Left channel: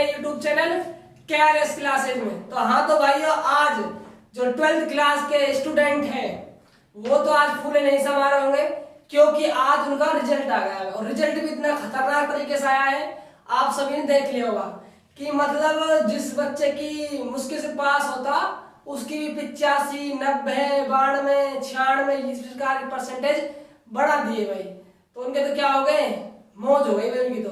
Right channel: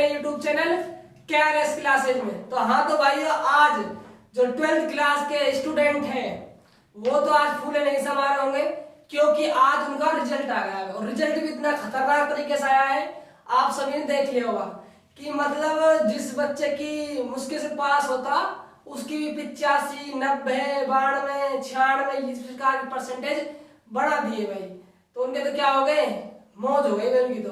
अपने YouTube channel KRS classes में। तो हाँ तो भाइयों, आज जो 12th क्लास के स्टूडेंट हैं वो तो आज फूले नहीं समा रहे होंगे, क्योंकि आज उनका रिजल्ट आ गया है और रिजल्ट भी इतना खतरनाक तरीके से आया है। आप सभी ने देख लिया होगा कि मतलब जिस बच्चे की मुश्किल से पास होता उसकी 85, 90, 92, 96 इस प्रकार की परसेंटेज बढ़ा दिए भाई। तो उनके तो क्या हो गए, मौज हो गई भाई। उनकी तो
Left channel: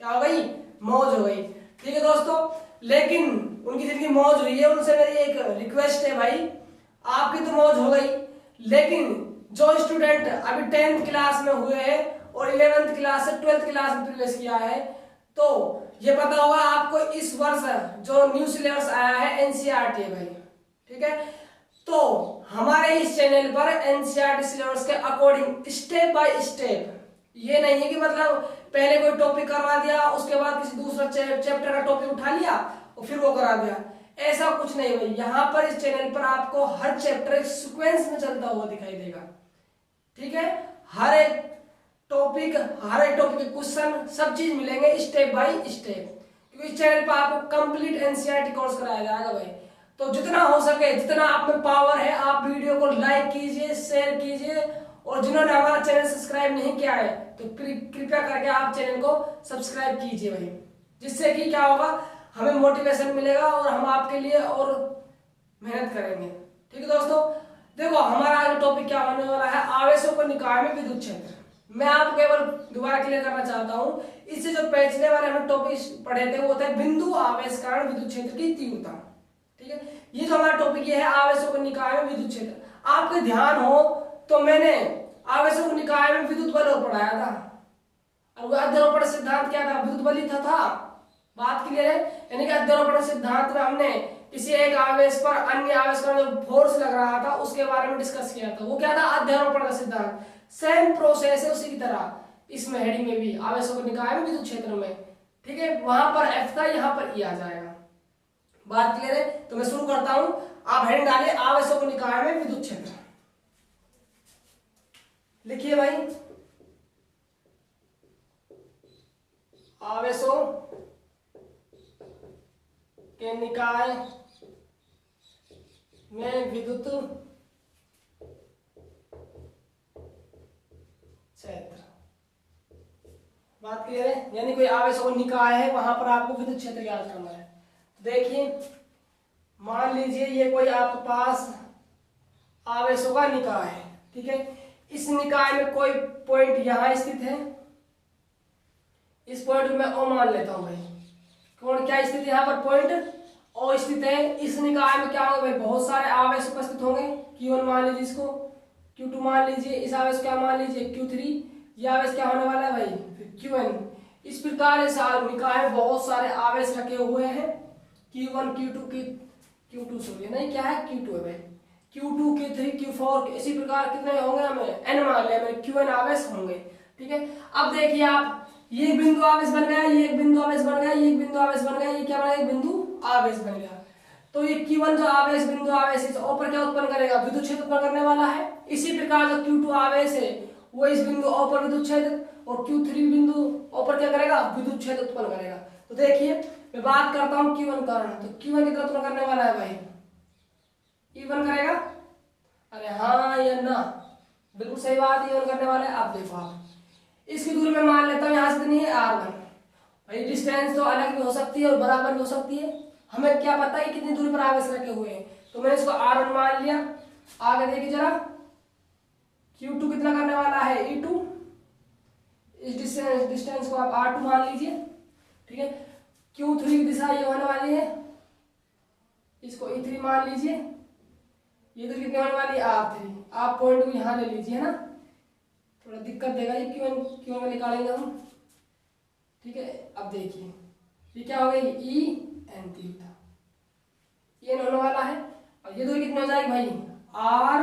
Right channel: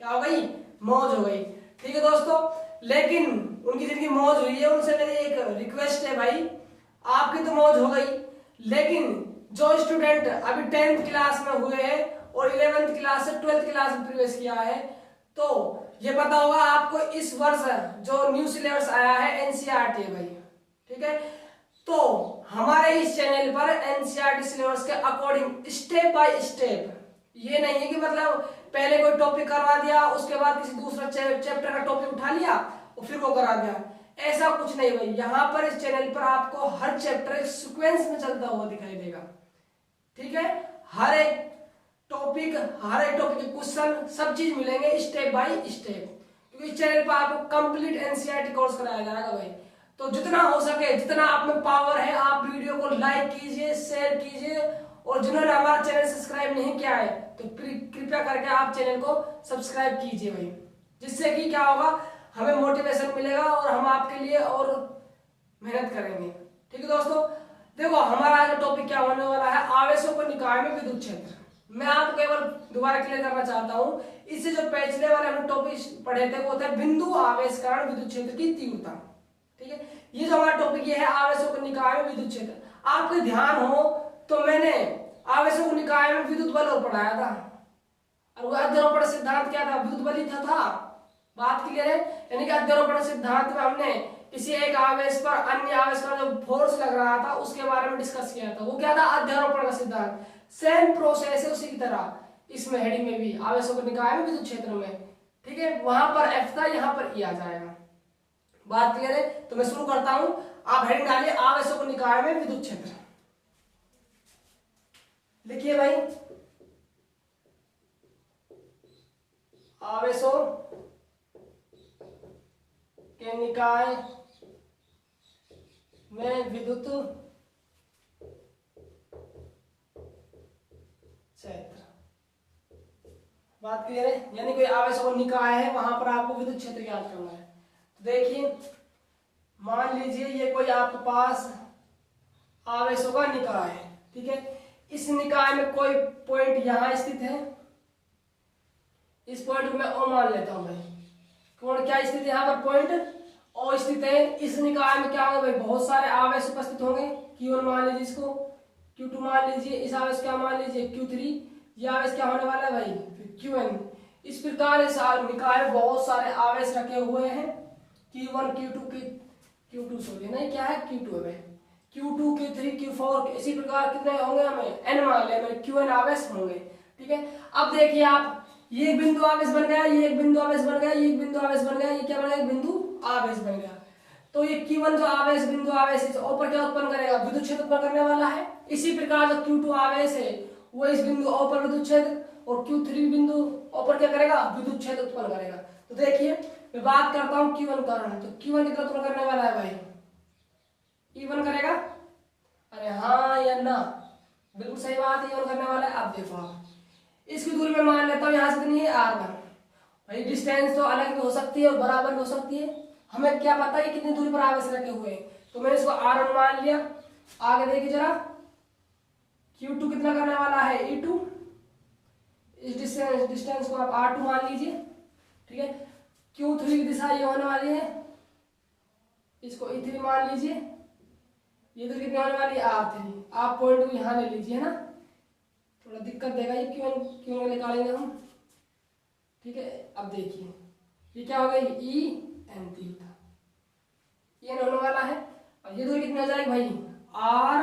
क्या हो गई, मौज हो गई। ठीक है दोस्तों, लेकिन उनकी जिनकी मौज हुई है उनसे मेरी एक रिक्वेस्ट है भाई, आपकी तो मौज हो गई, लेकिन जो स्टूडेंट अभी 10th क्लास में हुए हैं और 11th क्लास से 12th क्लास में प्रवेश किया है, तो ये पता होगा आपको इस वर्ष जो न्यू सिलेबस आया है एनसीईआरटी है भाई। ठीक है, तो हमारे इस चैनल पर एनसीईआरटी सिलेबस के अकॉर्डिंग स्टेप बाय स्टेप, ये नहीं है कि मतलब पहले कोई टॉपिक करवा दिया उसके बाद किसी दूसरा चैप्टर का टॉपिक उठा लिया और फिर वो करा दिया, ऐसा कुछ नहीं भाई। यहाँ पर इस चैनल पर आपको हर चैप्टर एक सीक्वेंस में चलता हुआ दिखाई देगा। ठीक है, हर एक टॉपिक के क्वेश्चन सब चीज मिलेंगे स्टेप बाय स्टेप, क्योंकि इस चैनल पर आपको कंप्लीट एनसीईआरटी कोर्स कराया जाएगा भाई। तो जितना हो सके, जितना आप में पावर है, आप वीडियो को लाइक कीजिए, शेयर कीजिए, और जिन्होंने हमारा चैनल सब्सक्राइब नहीं किया है तो कृपया करके आप चैनल को सब्सक्राइब कीजिए भाई, जिससे कि क्या होगा, हमें मोटिवेशन मिलेगा और हम आपके लिए और मेहनत करेंगे। ठीक है दोस्तों, देखो हमारा आज टॉपिक क्या होने वाला है, आवेशों को निकाय में विद्युत क्षेत्र। मैं आपको केवल दोबारा क्लियर करना चाहता हूं, इससे जो पिछले वाले हमने टॉपिक पढ़े थे वो थे बिंदु आवेश कारण विद्युत क्षेत्र की तीव्रता। ठीक है, ये जो हमारा टॉपिक ये है आवेशों को निकाय में विद्युत क्षेत्र। आपके ध्यान हो तो मैंने आवेशों को निकाय में विद्युत बल पढ़ाया था, और वो अध्यारोपण सिद्धांत क्या था, विद्युत बल ही था। बात क्लियर है, यानी कि अध्यारोपण सिद्धांत में हमने किसी एक आवेश पर अन्य आवेश का जो फोर्स लग रहा था उसके बारे में डिस्कस किया था। वो क्या था, अध्यारोपण का सिद्धांत। सेम प्रोसेस है उसी की तरह इसमें हेडिंग में भी आवेशों को निकाय में विद्युत क्षेत्र में। ठीक है, वहां पर एफ था, यहाँ पर ई आ जाएगा। बात क्लियर है, तो मैं शुरू करता हूं। आप हेडिंग डालिए आवेशों को निकाय में विद्युत क्षेत्र, लिखिए भाई आवेशों के निकाय में विद्युत क्षेत्र। बात क्लियर है, यानी कोई आवेशों को निकाय है वहां पर आपको विद्युत क्षेत्र ज्ञात करना है। देखिए मान लीजिए ये कोई आपके पास आवेशों का निकाय है। ठीक है, इस निकाय में कोई पॉइंट यहां स्थित है, इस पॉइंट को मैं ओ मान लेता हूं भाई। कौन क्या स्थित है यहाँ पर, पॉइंट ओ स्थित है। इस निकाय में क्या होगा भाई, बहुत सारे आवेश उपस्थित होंगे। Q1 मान लीजिए, इसको Q2 मान लीजिए, इस आवेश क्या मान लीजिए Q3, ये आवेश क्या होने वाला है भाई, फिर Qn। इस प्रकार इस निकाय में बहुत सारे आवेश रखे हुए हैं, Q1 Q2 सॉरी नहीं क्या है, Q2 है भाई, Q2 Q3 Q4, इसी प्रकार कितने होंगे, हमें n मान ले भाई, Qn आवेश होंगे। ठीक है, अब देखिए आप, ये एक बिंदु आवेश बन गया, ये एक बिंदु आवेश बन गया, ये एक बिंदु आवेश बन गया, ये क्या बन गया, एक बिंदु आवेश बन गया। तो ये Q1 जो आवेश बिंदु आवेश इस ऊपर क्या उत्पन्न करेगा, विद्युत क्षेत्र उत्पन्न करने वाला है। इसी प्रकार जो Q2 आवेश है वो इस बिंदु O पर विद्युत क्षेत्र, और Q3 बिंदु O पर क्या करेगा, विद्युत क्षेत्र उत्पन्न करेगा। तो देखिए मैं बात करता हूँ Q1 कारण, तो Q1 कितना उत्पन्न करने वाला है भाई, E1 करेगा। अरे हाँ या ना, बिल्कुल सही बात है, E1 करने वाला है। आप देखो आप इसकी दूरी में मान लेता हूँ यहाँ से कितनी है, R1 भाई। डिस्टेंस तो अलग भी हो सकती है और बराबर भी हो सकती है, हमें क्या पता है कि कितनी दूरी पर आवेश रखे हुए हैं, तो मैंने इसको R1 मान लिया। आगे देखिए जरा, Q2 कितना करने वाला है, E2। इस डिस्टेंस को आप R2 मान लीजिए। ठीक है, Q3 की दिशा ये होने वाली है, इसको E3 मान लीजिए। ये दूरी कितनी होने वाली है, R3। आप पॉइंट को यहाँ ले लीजिए, है ना, थोड़ा दिक्कत देगा ये, क्यों निकालेंगे हम। ठीक है, अब देखिए ये क्या हो गई, EN तीव्रता, ये होने वाला है। और ये दूरी कितनी हो जाएगी भाई, R।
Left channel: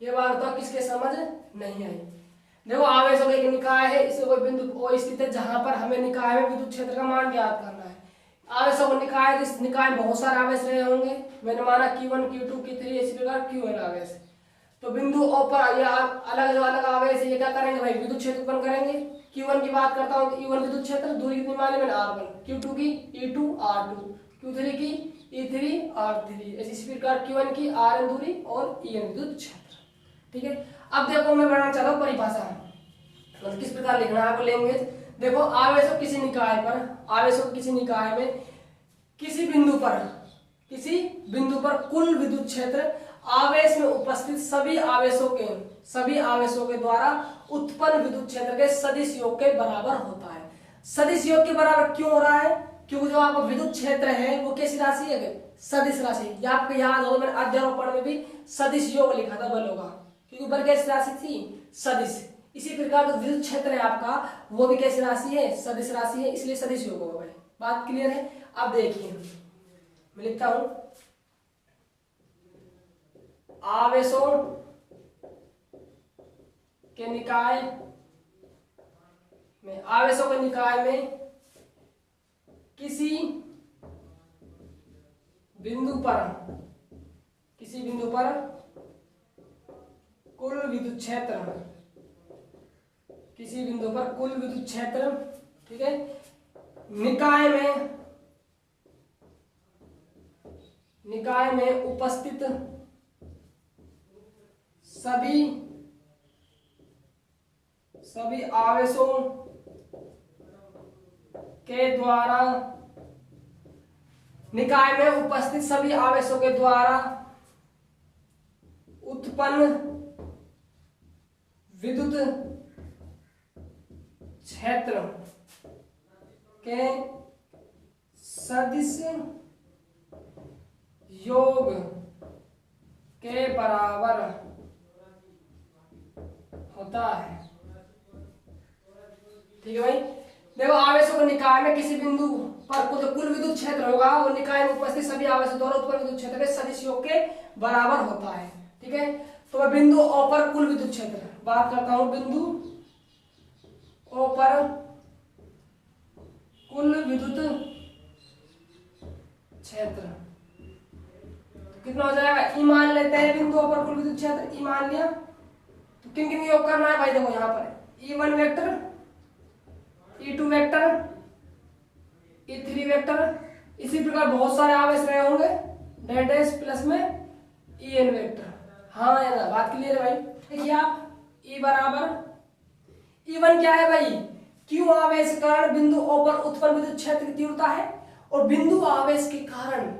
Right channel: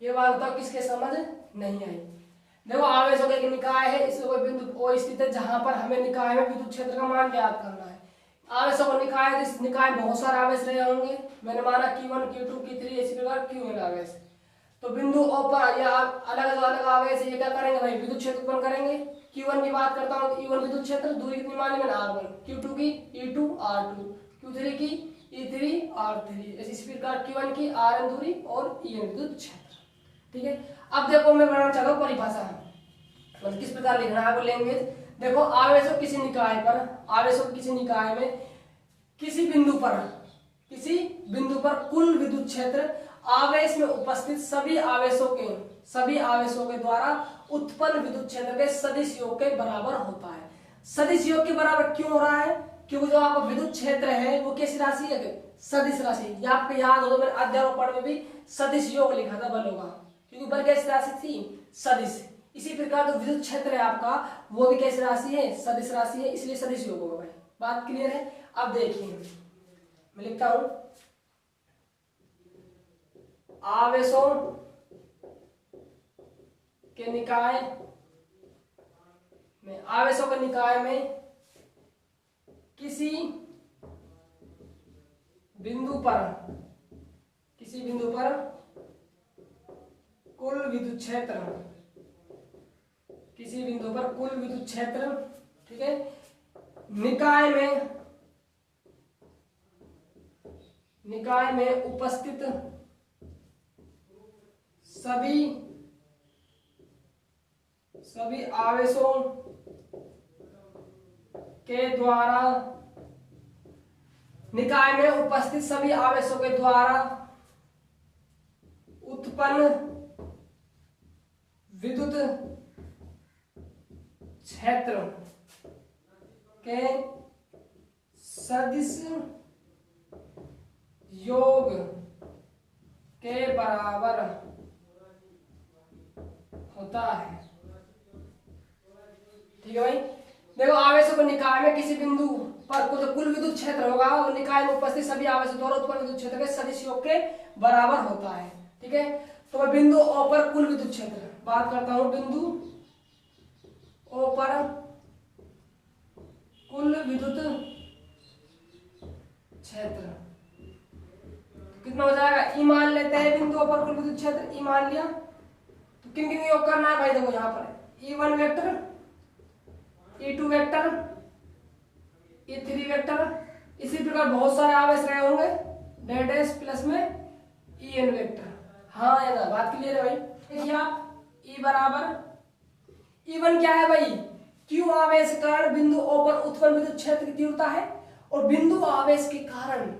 ये बात बताओ किसके समझ नहीं आई। देखो आवेशों का एक निकाय है, इसमें कोई बिंदु O स्थित है जहां पर हमें निकाय में विद्युत क्षेत्र का मान ज्ञात करना है। आवेशों का निकाय, इस निकाय में बहुत सारे आवेश रहे होंगे, मैंने माना Q1 Q2 Q3 इसी प्रकार Qn आवेश। तो बिंदु O पर ये अलग अलग आवेश ये क्या करेंगे भाई, विद्युत क्षेत्र उत्पन्न करेंगे। Q1 की बात करता हूँ, E1 विद्युत क्षेत्र, दूरी कितनी मान ली मैंने R1, Q2 की E2 R2, Q3 की E3 R3, इसी प्रकार Q1 की Rn दूरी और En विद्युत क्षेत्र। ठीक है, अब देखो मैं बनाना चाहता हूँ परिभाषा, मतलब किस प्रकार लिखना है आपको लैंग्वेज। देखो आवेशों किसी निकाय पर, आवेशों किसी निकाय में किसी बिंदु पर कुल विद्युत क्षेत्र आवेश में उपस्थित सभी आवेशों के द्वारा उत्पन्न विद्युत क्षेत्र के सदिश योग के बराबर होता है। सदिश योग के बराबर क्यों हो रहा है? क्योंकि जो आपका विद्युत क्षेत्र है वो कैसी राशि है? सदिश राशि। ये आपको याद हो, मैंने अध्यारोपण में भी सदिश योग लिखा था बलों का, क्योंकि बल कैसी राशि थी? सदिश। इसी प्रकार जो विद्युत क्षेत्र है आपका वो भी कैसी राशि है? सदिश राशि है, इसलिए सदिश योग होगा। बात क्लियर है? अब देखिए मैं लिखता हूं, आवेशों के निकाय में किसी बिंदु पर कुल विद्युत क्षेत्र, ठीक है, निकाय में उपस्थित सभी आवेशों के द्वारा, निकाय में उपस्थित सभी आवेशों के द्वारा उत्पन्न विद्युत क्षेत्र के सदिश योग के बराबर होता है। ठीक है भाई, देखो आवेशों के निकाय में किसी बिंदु पर कुल विद्युत क्षेत्र होगा वो निकाय में उपस्थित सभी आवेशों द्वारा उत्पन्न विद्युत क्षेत्र के सदिश योग के बराबर होता है। ठीक है, तो मैं बिंदु O पर कुल विद्युत क्षेत्र बात करता हूं, बिंदु O पर कुल विद्युत क्षेत्र कितना हो जाएगा? E मान लेते हैं, बिंदु O पर कुल विद्युत क्षेत्र E मान लिया, तो किन किन योग करना है भाई? देखो यहाँ पर E1 vector, E2 vector, E3 vector, इसी प्रकार बहुत सारे आवेश रहे होंगे, डैश डैश प्लस में En वेक्टर। हाँ है ना, बात क्लियर है भाई? देखिए आप E बराबर E1 क्या है भाई? Q आवेश के कारण बिंदु O पर उत्पन्न विद्युत क्षेत्र की तीव्रता है, और बिंदु आवेश के कारण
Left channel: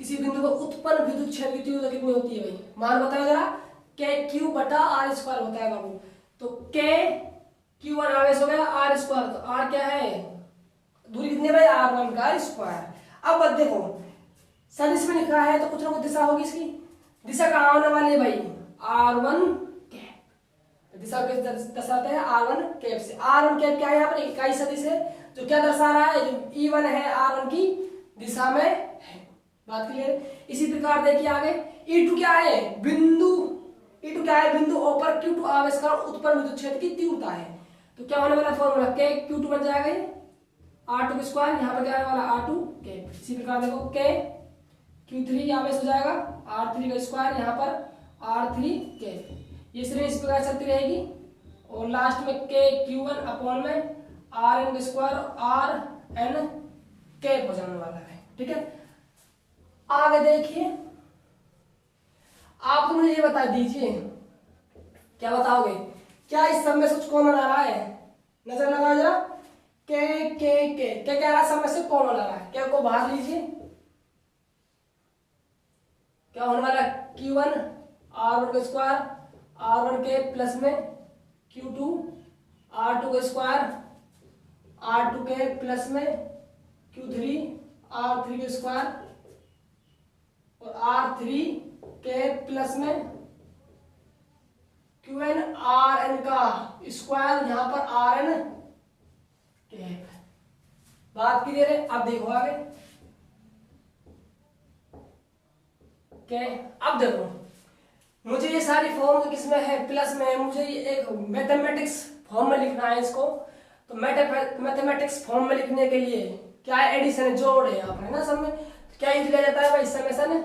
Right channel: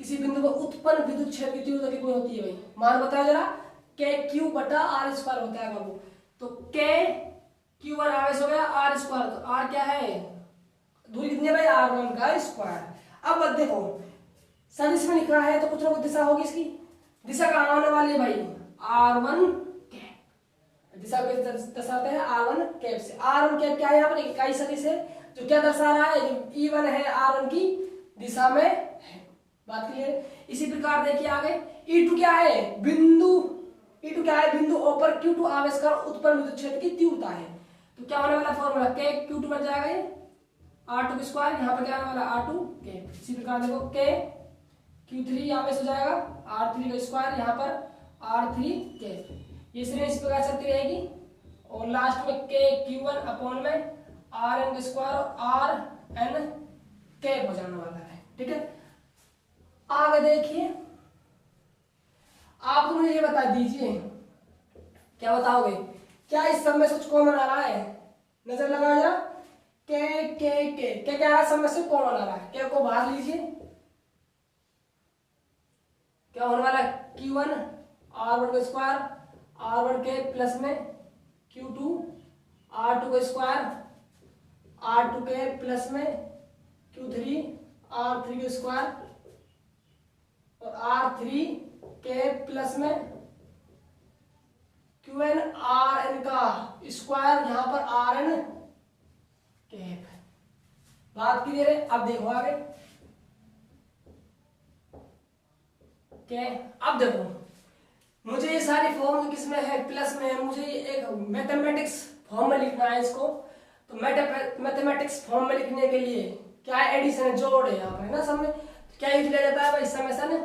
किसी बिंदु पर उत्पन्न विद्युत क्षेत्र की तीव्रता कितनी होती है भाई? मान बताओ जरा। KQ बटा R स्क्वायर होता है बाबू। तो Q1 आवेश हो गया R स्क्वायर, तो R क्या है? दूरी कितनी है भाई? R1 का स्क्वायर। अब देखो सदिश में लिखा है तो कुछ ना कुछ दिशा होगी, इसकी दिशा कहाँ होने वाली है भाई? R1 cap. दिशा को दर्शाते हैं R1 कैप से। R1 कैप क्या है? यहाँ पर इकाई सदिश है जो क्या दर्शा रहा है? जो E1 है R1 की दिशा में है। बात क्लियर? इसी प्रकार देखिए आगे E2 क्या है? बिंदु O पर Q2 आवेश का उत्पन्न विद्युत क्षेत्र की तीव्रता है। तो क्या होने वाला फॉर्मूला? K Q2 बन जाएगा ये R2 का स्क्वायर, यहाँ पर क्या आने वाला? R2 cap. इसी प्रकार देखो K Q3 आवेश हो जाएगा R3 का स्क्वायर, यहाँ पर R3 कैप। ये श्रेणी इस प्रकार चलती रहेगी, और लास्ट में K Q1 अपॉन में Rn का स्क्वायर और Rn कैप हो जाने वाला है। ठीक है, आगे देखिए आप मुझे ये बता दीजिए, क्या बताओगे? क्या इस सब में से कुछ कॉमन आ रहा है? नजर लगाया जरा। के क्या सब में से कॉमन आ रहा है? क्या को बाहर लीजिए, क्या होने वाला? Q1 R1 का स्क्वायर R1 के प्लस में Q2 R2 का स्क्वायर R2 के प्लस में Q3 R3 का स्क्वायर, और R3 के प्लस में Qn Rn का स्क्वायर, यहाँ पर Rn कैप। बात क्लियर है? अब देखो आगे अब देखो मुझे ये सारी फॉर्म किसमें है? प्लस में है। मुझे एक मैथमेटिक्स फॉर्म में लिखना है इसको, तो मैथमेटिक्स फॉर्म में लिखने के लिए क्या है? एडिशन है, जोड़ है यहाँ पे ना। सब में क्या यूज लिया जाता है भाई? समेशन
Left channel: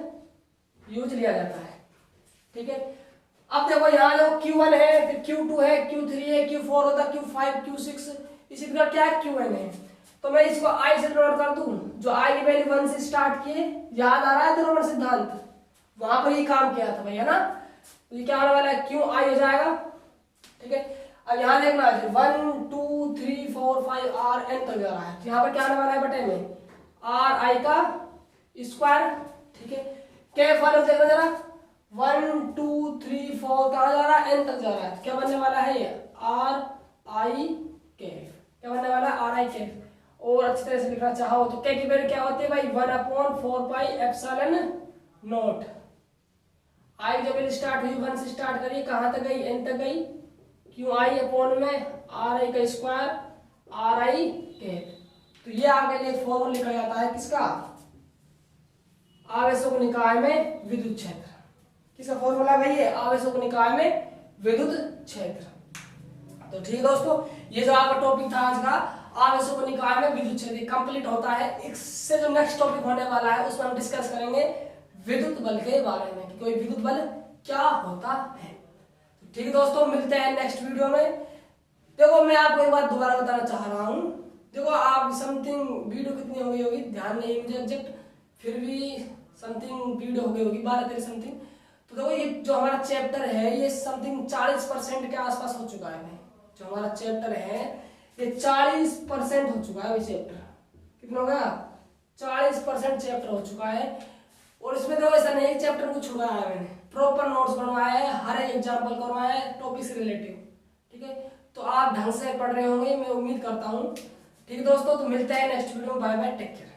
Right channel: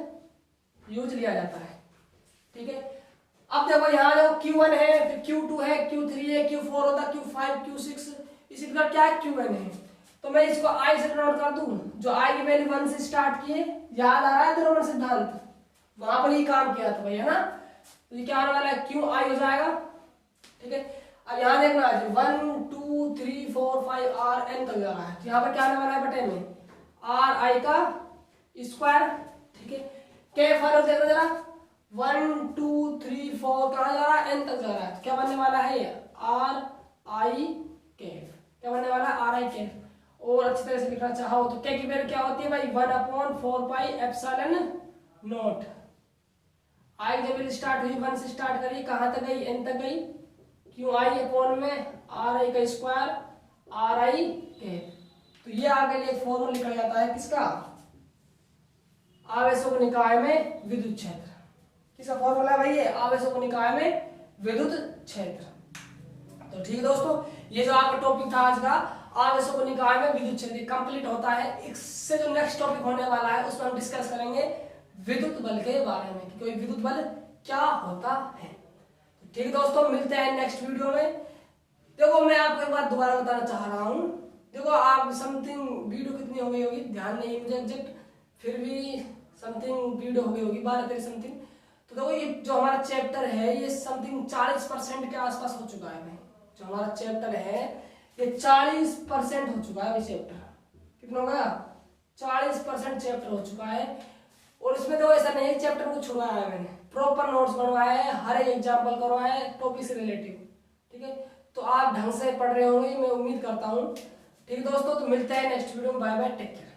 यूज लिया जाता है। ठीक है, अब देखो यहाँ देखो Q1 है, फिर Q2 है, Q3 है, Q4 होता है, Q5, Q6, इसी प्रकार क्या है Qn है। तो मैं इसको I से नोट कर दूं, जो I की वैल्यू 1 से स्टार्ट किए, याद आ रहा है ध्रुवण सिद्धांत, वहां पर ही काम किया था भाई, है ना। तो ये क्या होने वाला है, QI हो जाएगा, ठीक है। अब यहाँ देखना है 1 2 3 4 5 Rn तक जा रहा है, यहाँ पर क्या आने वाला है बटे में Ri का स्क्वायर, ठीक है। कैफ वाले देखना जरा 1 2 3 4 कहाँ जा रहा है, n तक जा रहा है, क्या बनने वाला है Ri कैफ, क्या बनने वाला है Ri कैफ। और अच्छी तरह से लिखना चाहो तो क्या की वैल्यू क्या होती है भाई 1/4 पाई एप्सिलॉन नॉट। आई जब वैल्यू स्टार्ट हुई 1 से स्टार्ट करी, कहाँ तक गई, n तक गई, क्यों आई अपॉन में Ri का स्क्वायर Ri कैफ। तो ये आगे लिए फॉर्मूला लिखा जाता है किसका, आवेशों निकाय में विद्युत क्षेत्र। किसका फॉर्मूला भाई है, आवेशों निकाय में विद्युत क्षेत्र। तो ठीक दोस्तों, ये जो आपका टॉपिक था आज का आवेशों निकाय में विद्युत क्षेत्र कंप्लीट होता है। इससे जो नेक्स्ट टॉपिक होने वाला है उसमें हम डिस्कस करेंगे विद्युत बल के बारे में कि कोई विद्युत बल क्या होता है। तो ठीक दोस्तों, मिलते हैं नेक्स्ट वीडियो में। देखो मैं आपको एक बात दोबारा बताना चाह रहा हूँ, देखो आप समथिंग वीडियो कितनी हो गई होगी ध्यान नहीं मुझे एग्जैक्ट, फिर भी समथिंग वीडियो हो गई होगी 12-13 समथिंग। तो देखो ये जो हमारा चैप्टर है ये समथिंग 40% के आसपास हो चुका है भाई। जो हमारा चैप्टर है ये 40% हो चुका है भाई चैप्टर। कितना होगा, 40% चैप्टर हो चुका है। और इसमें तो ऐसा नहीं है चैप्टर को छुड़वाया है, मैंने प्रॉपर नोट्स बनवाया है, हर एक एग्जाम्पल करवाया है टॉपिक से रिलेटिव, ठीक है। तो आप ढंग से पढ़ रहे होंगे मैं उम्मीद करता हूँ। ठीक दोस्तों, तो मिलते हैं नेक्स्ट वीडियो में, बाय बाय, टेक केयर।